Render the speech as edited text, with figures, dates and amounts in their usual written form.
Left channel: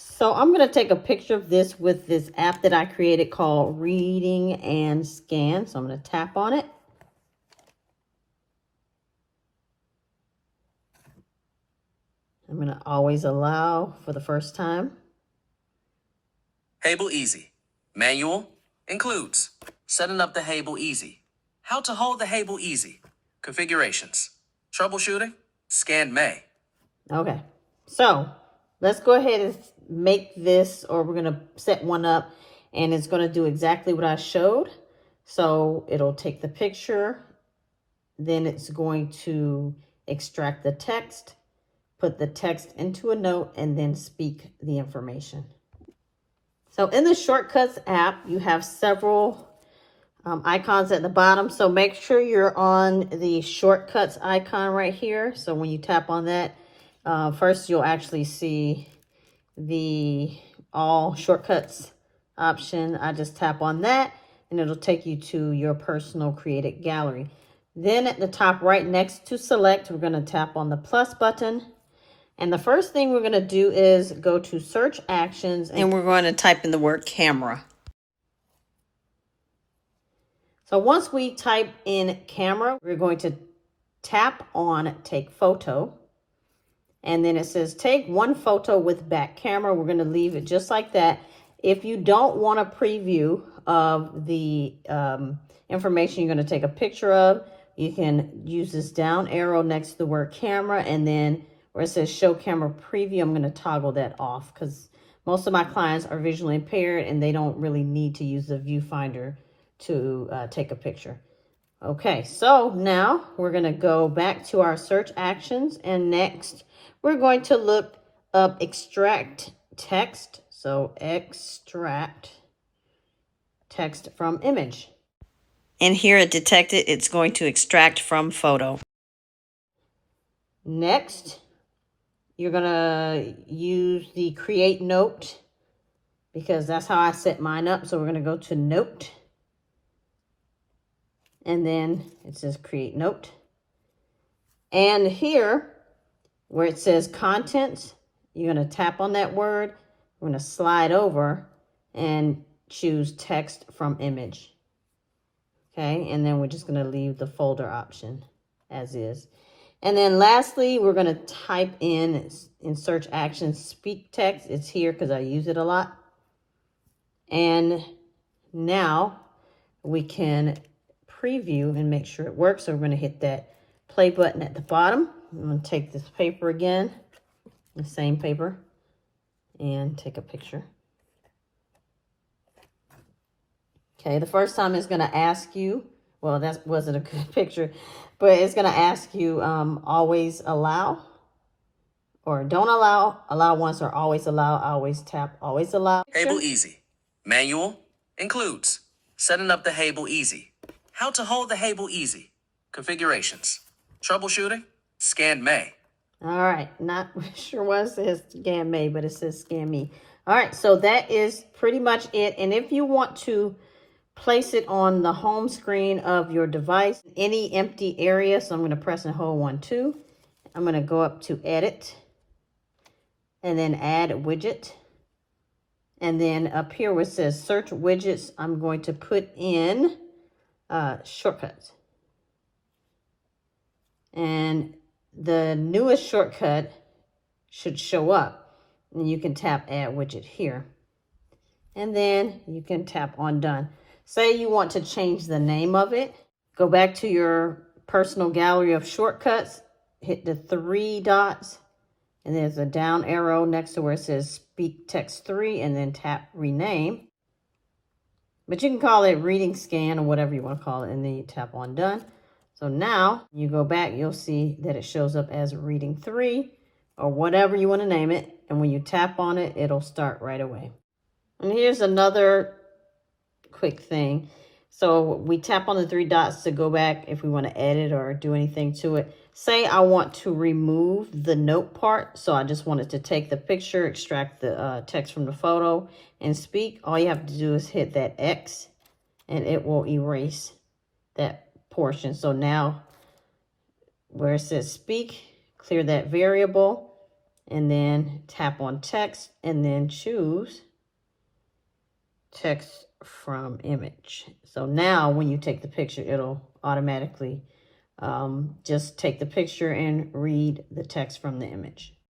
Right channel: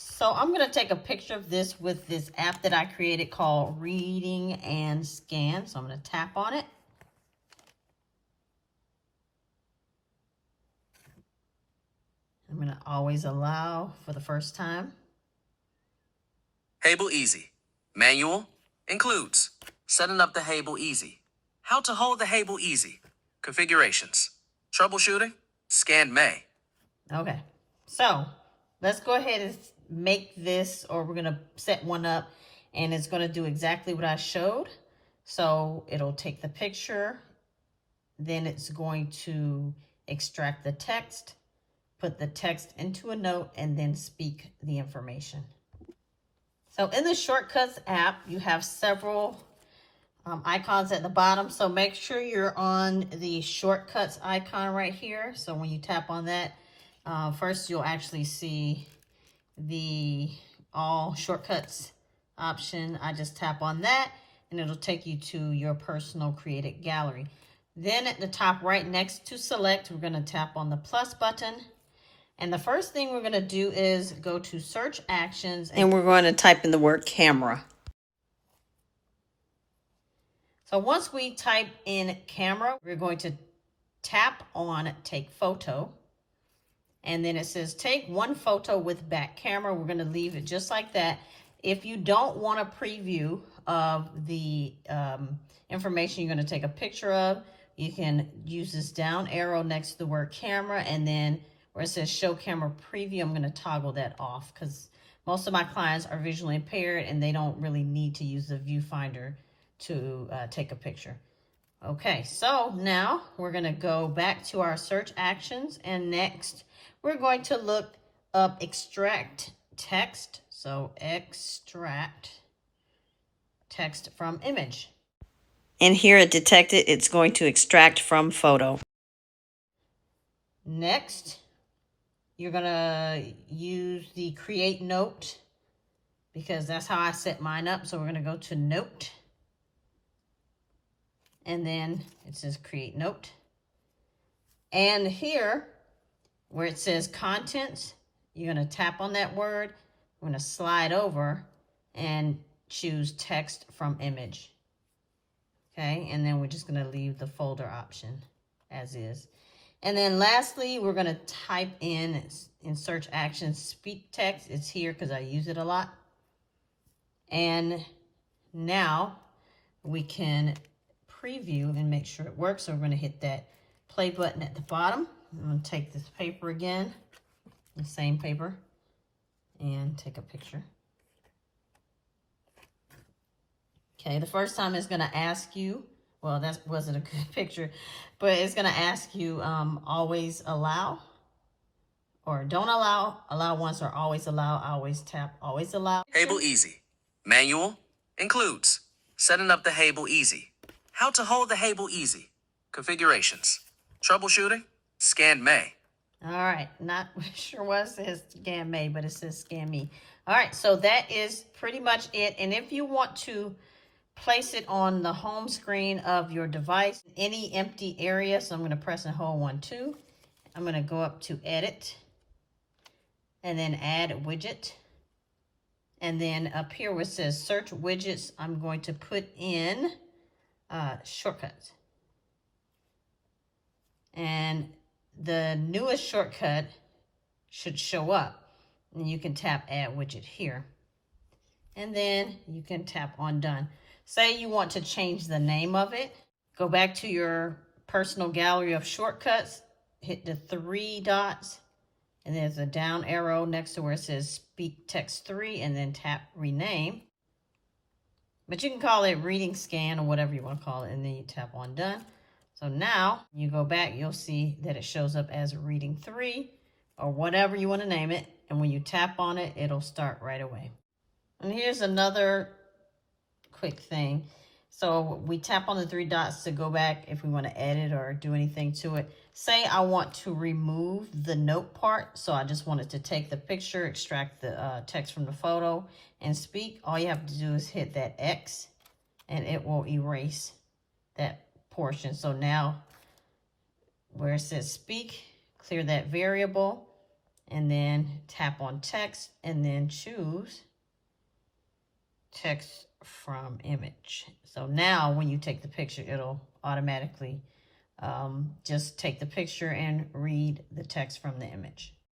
So I'm going to take a picture of this with this app that I created called Reading and Scan. So I'm going to tap on it. I'm going to always allow for the first time. Hable Easy. Manual includes setting up the Hable Easy. How to hold the Hable Easy. Configurations. Troubleshooting. Scan May. Okay, so let's go ahead and make this, or we're going to set one up, and it's going to do exactly what I showed. So it'll take the picture, then it's going to extract the text, put the text into a note, and then speak the information. So in the Shortcuts app, you have several icons at the bottom. So make sure you're on the Shortcuts icon right here. So when you tap on that, first you'll actually see the All Shortcuts option. I just tap on that and it'll take you to your personal created gallery. Then at the top right next to Select, we're going to tap on the plus button. And the first thing we're going to do is go to Search Actions, and we're going to type in the word camera. So once we type in camera, we're going to tap on Take Photo. And then it says take one photo with back camera. We're going to leave it just like that. If you don't want a preview of the information you're going to take a picture of, you can use this down arrow next to the word camera, and then where it says show camera preview, I'm going to toggle that off because most of my clients are visually impaired and they don't really need to use the viewfinder to take a picture. Okay, so now we're going to go back to our search actions, and next we're going to look up extract text. So extract text from image. And here it detected it's going to extract from photo. Next, you're going to use the create note because that's how I set mine up. So we're going to go to note. And then it says create note. And here, where it says contents, you're going to tap on that word. We're going to slide over and choose text from image. Okay, and then we're just going to leave the folder option as is. And then lastly, we're going to type in search actions, speak text. It's here because I use it a lot. And now we can preview and make sure it works. So we're going to hit that play button at the bottom. I'm going to take this paper again, the same paper, and take a picture. Okay, the first time it's going to ask you, well, that wasn't a good picture, but it's going to ask you always allow or don't allow, allow once, or always allow. I always tap always allow. Hable Easy. Manual includes setting up the Hable Easy. How to hold the Hable Easy. Configurations. Troubleshooting. Scan May. All right, not sure what it says scan May, but it says scan me. All right, so that is pretty much it. And if you want to place it on the home screen of your device, any empty area, so I'm going to press and hold 1, 2. I'm going to go up to edit and then add widget. And then up here where it says search widgets, I'm going to put in shortcuts. And the newest shortcut should show up. And you can tap add widget here. And then you can tap on done. Say you want to change the name of it. Go back to your personal gallery of shortcuts. Hit the 3 dots. And there's a down arrow next to where it says speak text 3. And then tap rename. But you can call it reading scan or whatever you want to call it. And then you tap on done. So now you go back, you'll see that it shows up as reading 3 or whatever you want to name it. And when you tap on it, it'll start right away. And here's another quick thing. So we tap on the 3 dots to go back if we want to edit or do anything to it. Say I want to remove the note part. So I just wanted to take the picture, extract the text from the photo and speak. All you have to do is hit that X and it will erase that portion. So now where it says speak, clear that variable and then tap on text and then choose text from image. So now when you take the picture, it'll automatically just take the picture and read the text from the image.